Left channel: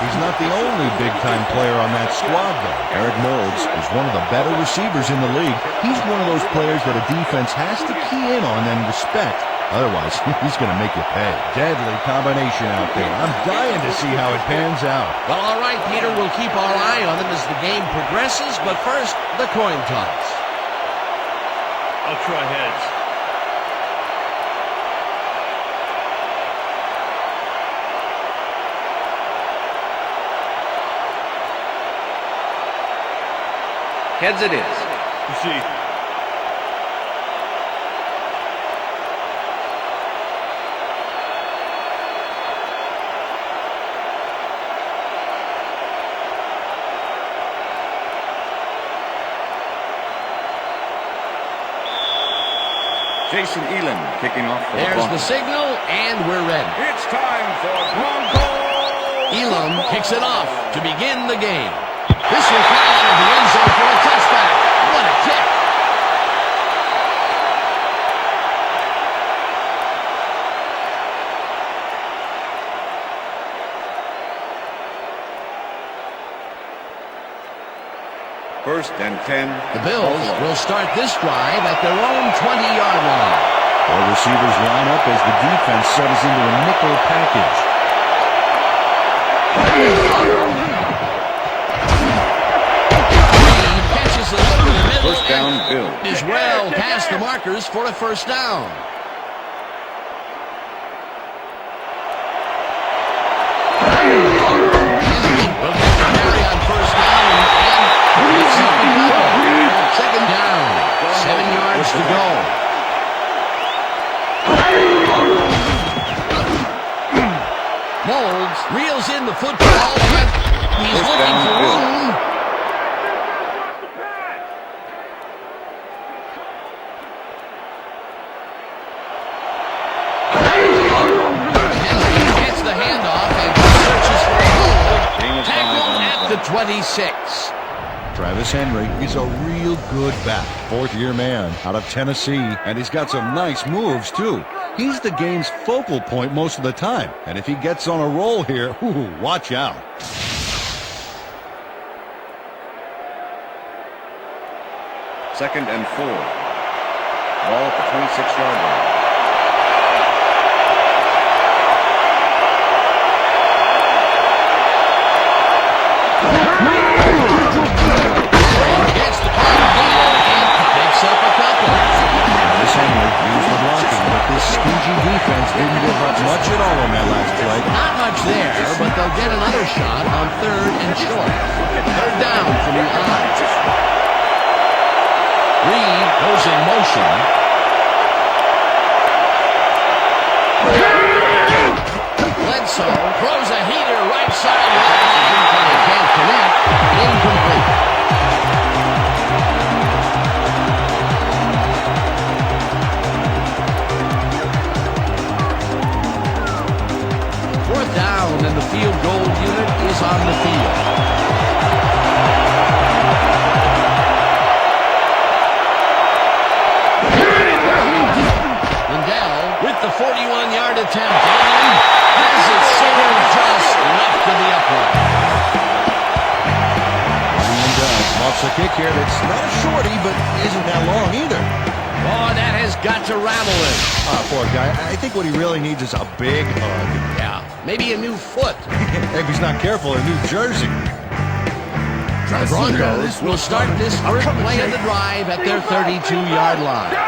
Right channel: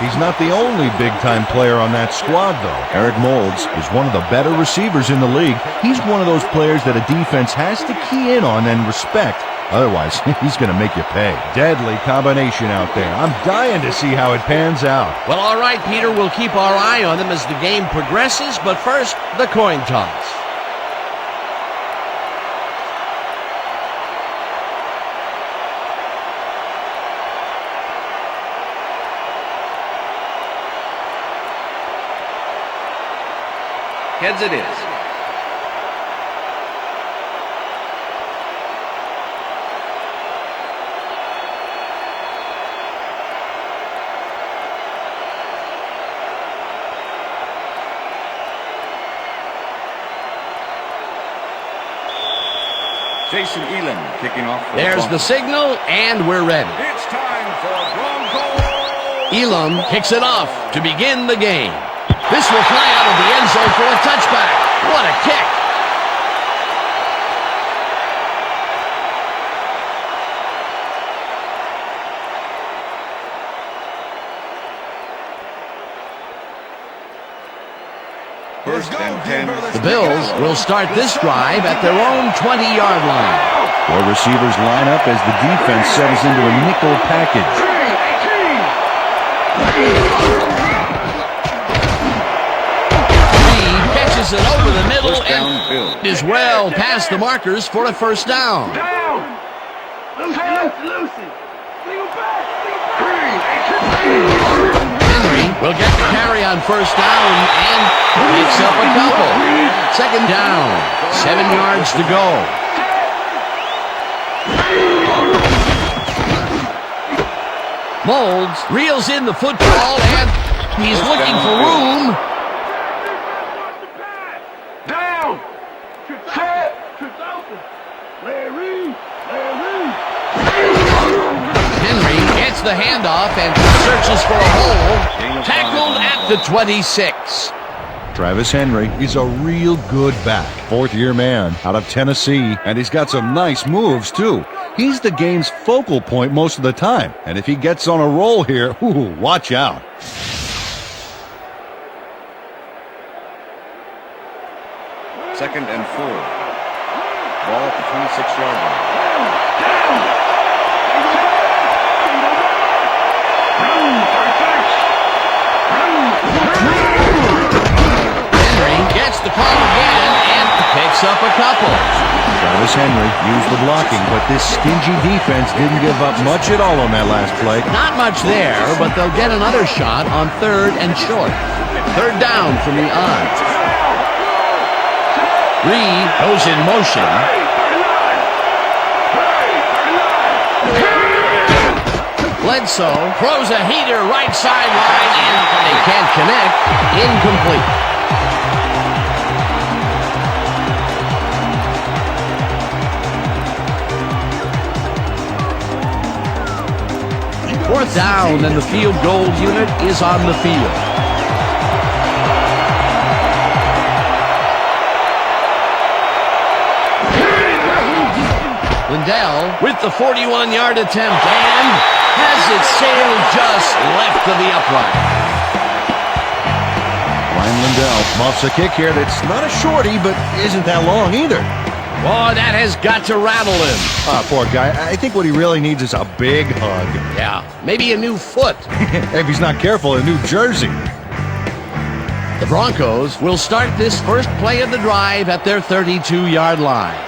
He's not the only big-time player on that squad, though. Eric Moulds is one of the better receivers in the league. He's one of those players that a defense has to key in on and respect. Otherwise, he's going to make you pay. Deadly combination out there. I'm dying to see how it pans out. Well, all right, Peter, we'll keep our eye on them as the game progresses, but first, the coin toss. I'll try heads. Heads it is. Proceed. Jason Elam kicking off for There's the the signal, and we're ready. It's time for Broncos. Elam kicks it off to begin the game. This will fly out of the end zone for a touchback. What a kick. First and 10. The Bills will start this drive at their own 20-yard line. Four receivers line up as the defense settles into a nickel package. Reed catches it over the middle First down, and Bill. is well past the markers for a first down. Henry will get the carry on first down and picks up a couple. Second down, 7 yards to go. Moulds reels in the football and he's First looking down, for Bill. room. Henry gets the handoff and searches for a hole. Tackled at the 26. Travis Henry is a real good back. Fourth-year man out of Tennessee, and he's got some nice moves, too. He's the game's focal point most of the time, and if he gets on a roll here, ooh, watch out. Second and 4. Ball at the 26-yard line. Gets the call again and picks up a couple. Travis Henry used the blocking, but this stingy defense didn't give up much at all on that last play. Not much there, but they'll get another shot on third and short. Third down from the odds. Reed goes in motion. Bledsoe throws a heater right sideline, and they can't connect. Incomplete. Fourth down, and the field goal unit is on the field. Lindell with the 41-yard attempt and has it sailed just left of the upright. Ryan Lindell muffs a kick here that's not a shorty, but isn't that long either. Boy, that has got to rattle him. Poor guy. I think what he really needs is a big hug. Yeah, maybe a new foot. If he's not careful, a new jersey. The Broncos will start this first play of the drive at their 32-yard line.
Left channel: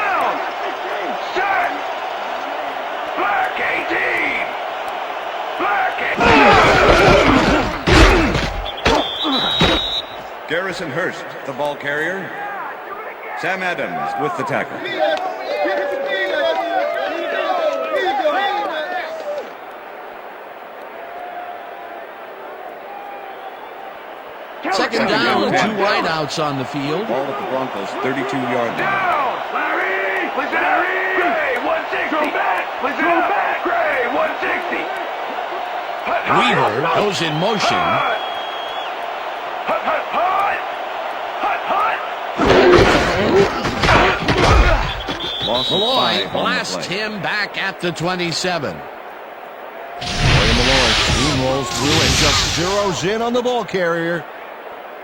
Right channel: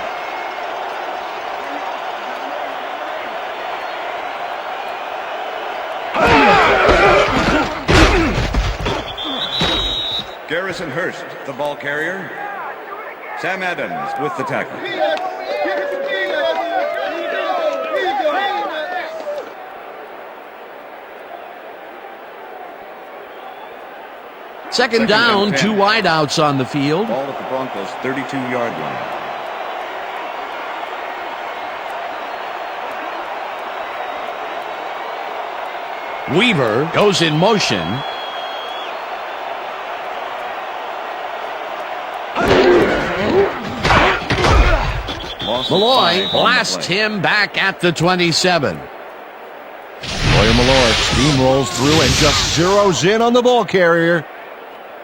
Garrison Hurst, the ball carrier. Sam Adams with the tackle. Second down, 2 wideouts on the field. Ball at the Broncos' 32-yard line. Weaver goes in motion. Malloy blasts him back at the 27. Boy, Malloy steamrolls through and just zeroes in on the ball carrier.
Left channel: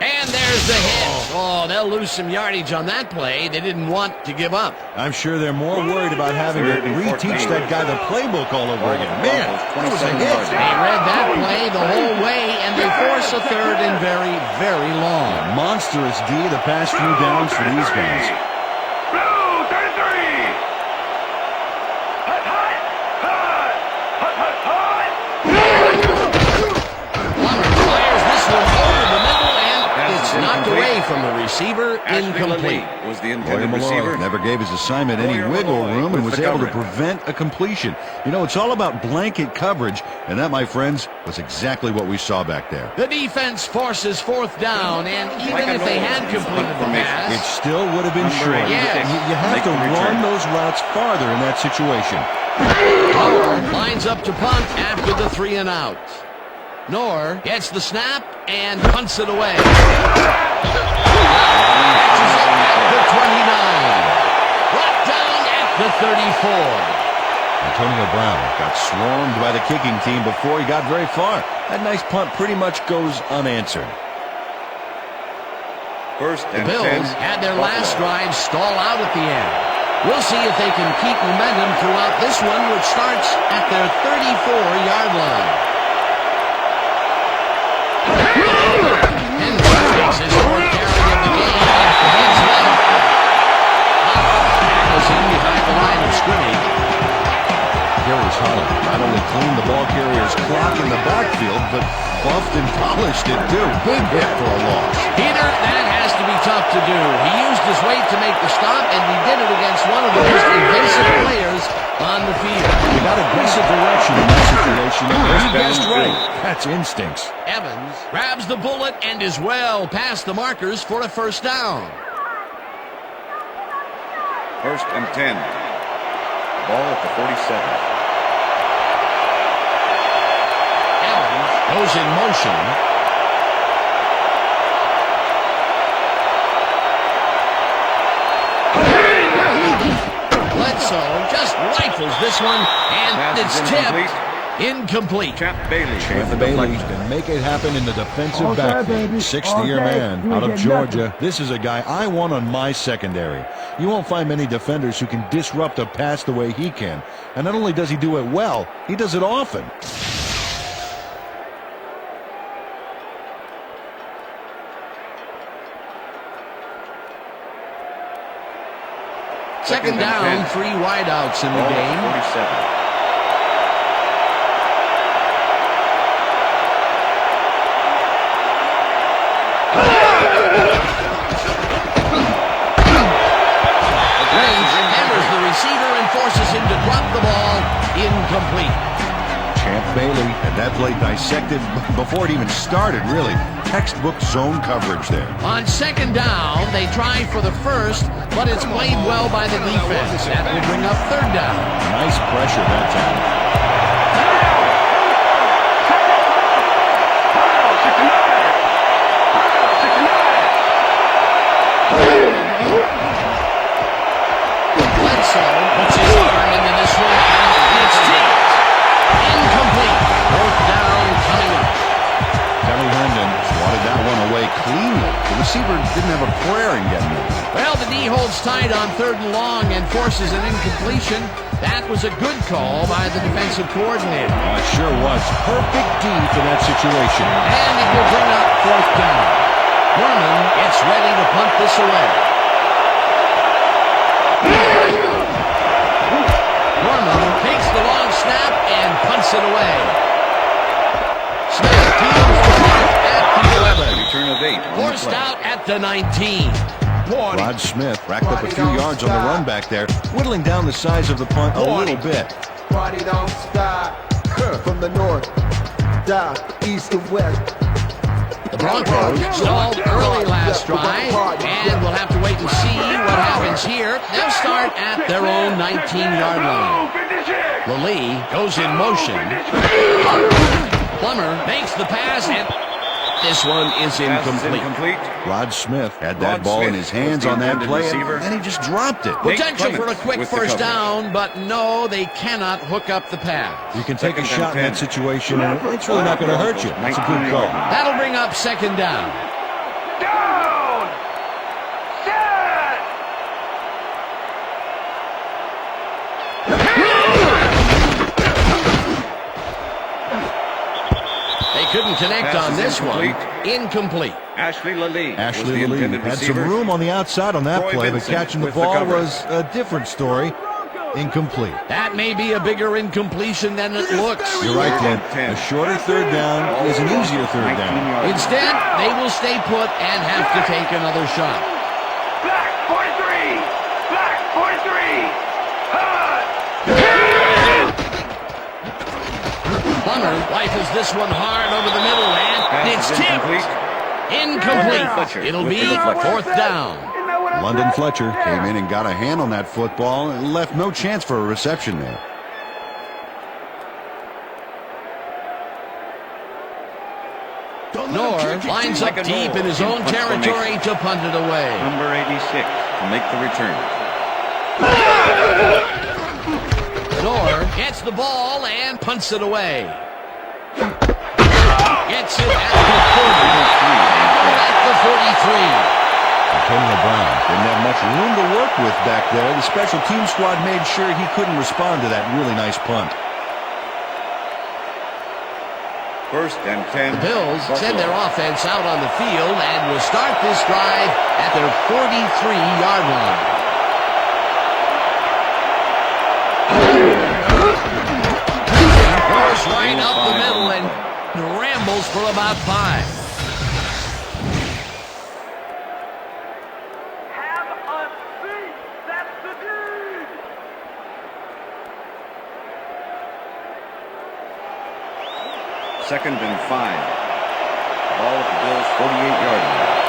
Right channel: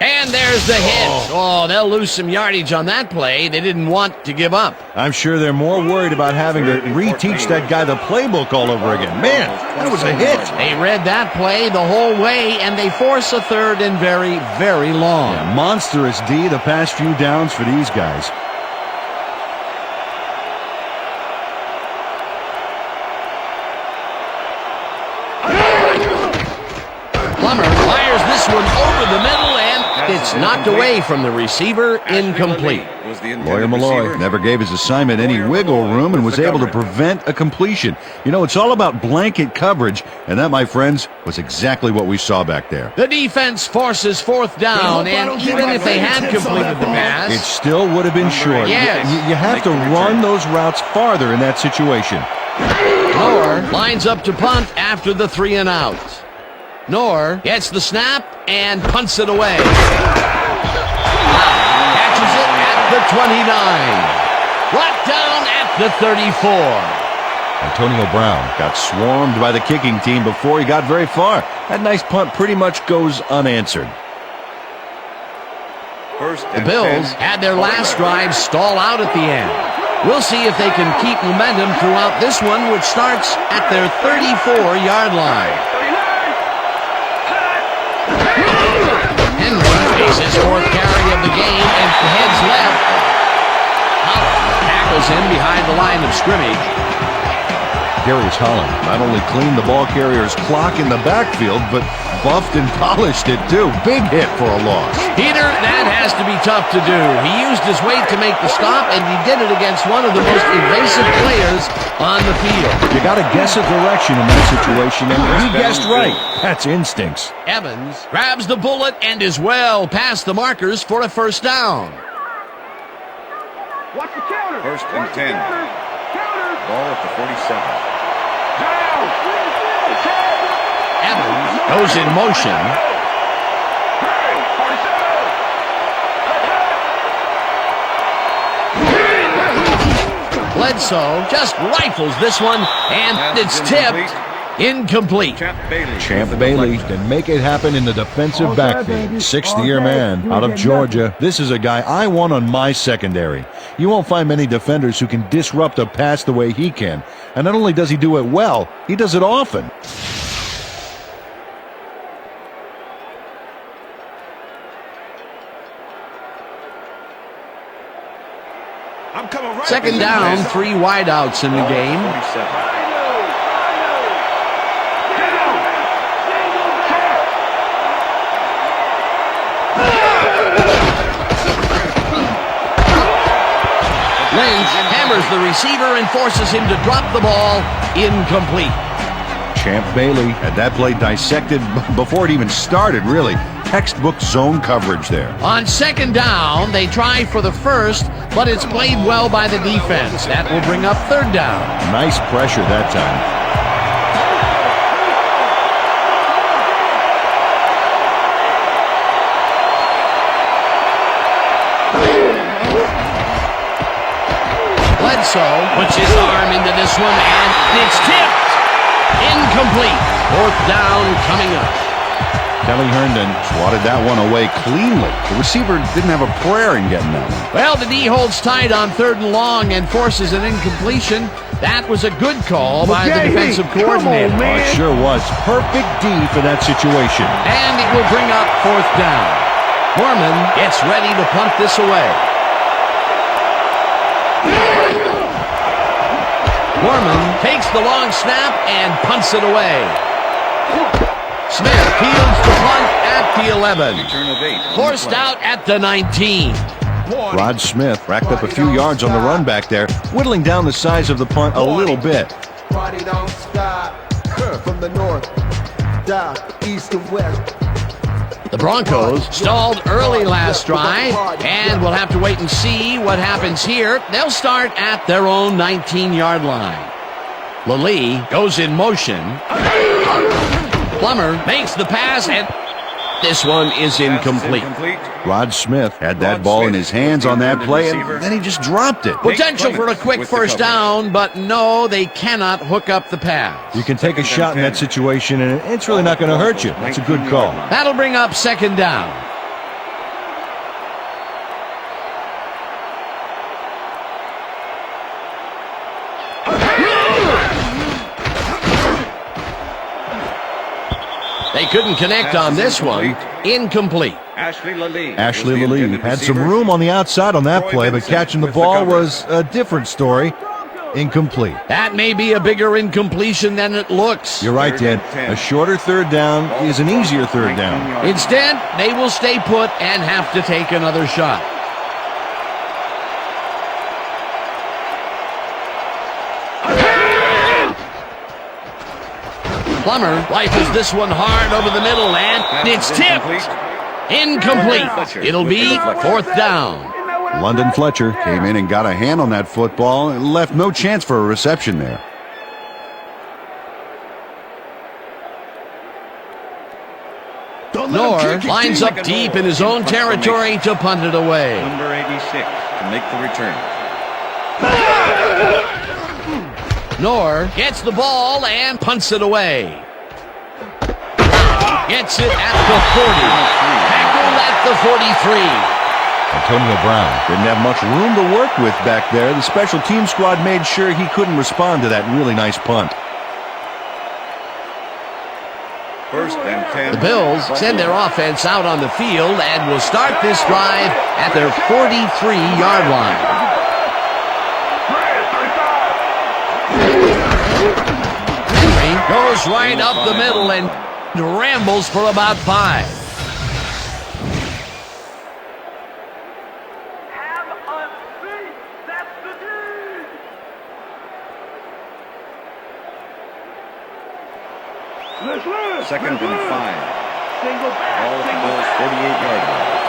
And there's the hit. Oh, they'll lose some yardage on that play. They didn't want to give up. I'm sure they're more worried about having to reteach that guy the playbook all over again. Man, that was a hit. They read that play the whole way, and they force a third and very, very long. Yeah, monstrous D the past few downs for these guys. Plummer fires this one over the middle, and it's knocked away from the receiver, incomplete. Lawyer Malloy never gave his assignment any wiggle room and was able to prevent a completion. You know, it's all about blanket coverage, and that, my friends, was exactly what we saw back there. The defense forces fourth down, and even if they had completed the pass, it still would have been short. Yes. You have to run those routes farther in that situation. Knorr lines up to punt after the 3 and out. Knorr gets the snap and punts it away. Catches it at the 29. Brought down at the 34. Antonio Brown got swarmed by the kicking team before he got very far. That nice punt pretty much goes unanswered. The Bills had their last drive stall out at the end. We'll see if they can keep momentum throughout this one, which starts at their 34-yard line. Henry takes his 4th carry of the game and heads left. Tackles him behind the line of scrimmage. Darius Holland not only cleaned the ball carrier's clock in the backfield, but buffed and polished it too. Big hit for a loss. Peter, that has to be tough to do. He used his weight to make the stop, and he did it against one of the most evasive players on the field. You got to guess a direction in that situation, and he guessed right. That's instincts. Evans grabs the bullet and is well past the markers for a first down. First and 10. Ball at the 47. Evans goes in motion. Bledsoe just rifles this one, and it's tipped. Incomplete. Champ Bailey can make it happen in the defensive backfield. 6th-year man out of Georgia. This is a guy I want on my secondary. You won't find many defenders who can disrupt a pass the way he can. And not only does he do it well, he does it often. Second down, 3 wideouts in the game. 47. Lynch hammers the receiver and forces him to drop the ball. Incomplete. Champ Bailey had that play dissected before it even started, really. Textbook zone coverage there. On second down, they try for the first, but it's played well by the defense. That will bring up third down. Nice pressure that time. Bledsoe puts his arm into this one, and it's tipped. Incomplete. 4th down coming up. Kelly Herndon swatted that one away cleanly. The receiver didn't have a prayer in getting that one. Well, the D holds tight on 3rd and long and forces an incompletion. That was a good call by the defensive coordinator. Oh, it sure was. Perfect D for that situation. And it will bring up 4th down. Mormon gets ready to punt this away. Mormon takes the long snap and punts it away. Smith peels the punt at the 11. Return of 8. Forced out at the 19. Rod Smith racked up a few yards on the run back there, whittling down the size of the punt a little bit. Party don't stop. From the north, south, east, and west. The Broncos stalled early last drive, and we'll have to wait and see what happens here. They'll start at their own 19-yard line. Lally goes in motion. Plummer makes the pass, and This one is Pass is incomplete. Rod Smith had that Rod ball in Smith his hands was the on that intended play, receiver. and then he just dropped it. Potential for a Clements quick with the first coverage. down, but no, they cannot hook up the pass. You can take a Second shot in and that 10. situation, and it's really not going to hurt you. That's a good call. That'll bring up second down. They couldn't connect Pass on is this one. incomplete. Incomplete. Ashley Lalee. Ashley was the Lalee intended had some receiver. room on the outside on that Troy play, but Vincent catching the with the ball coverage. was a different story. Incomplete. That may be a bigger incompletion than it looks. You're right, Third Dan. and 10. A shorter third down Ball is an across easier the third 19 down. yard line. Instead, they will stay put and have to take another shot. Plummer rifles this one hard over the middle, and Pass it's is tipped. incomplete. Incomplete. Fletcher It'll with be the deflection. fourth down. London Fletcher came in and got a hand on that football and left no chance for a reception there. Knorr lines up deep in his own territory to punt it away. Number 86 to make the return. Knorr gets the ball and punts it away. Gets it at the 40. Tackled at the 43. Antonio Brown didn't have much room to work with back there. The special team squad made sure he couldn't respond to that really nice punt. First and 10. The Bills send their offense out on the field and will start this drive at their 43-yard line. Henry goes right up the middle and rambles for about 5. Second and 5. Ball at the Bills' 48-yard line.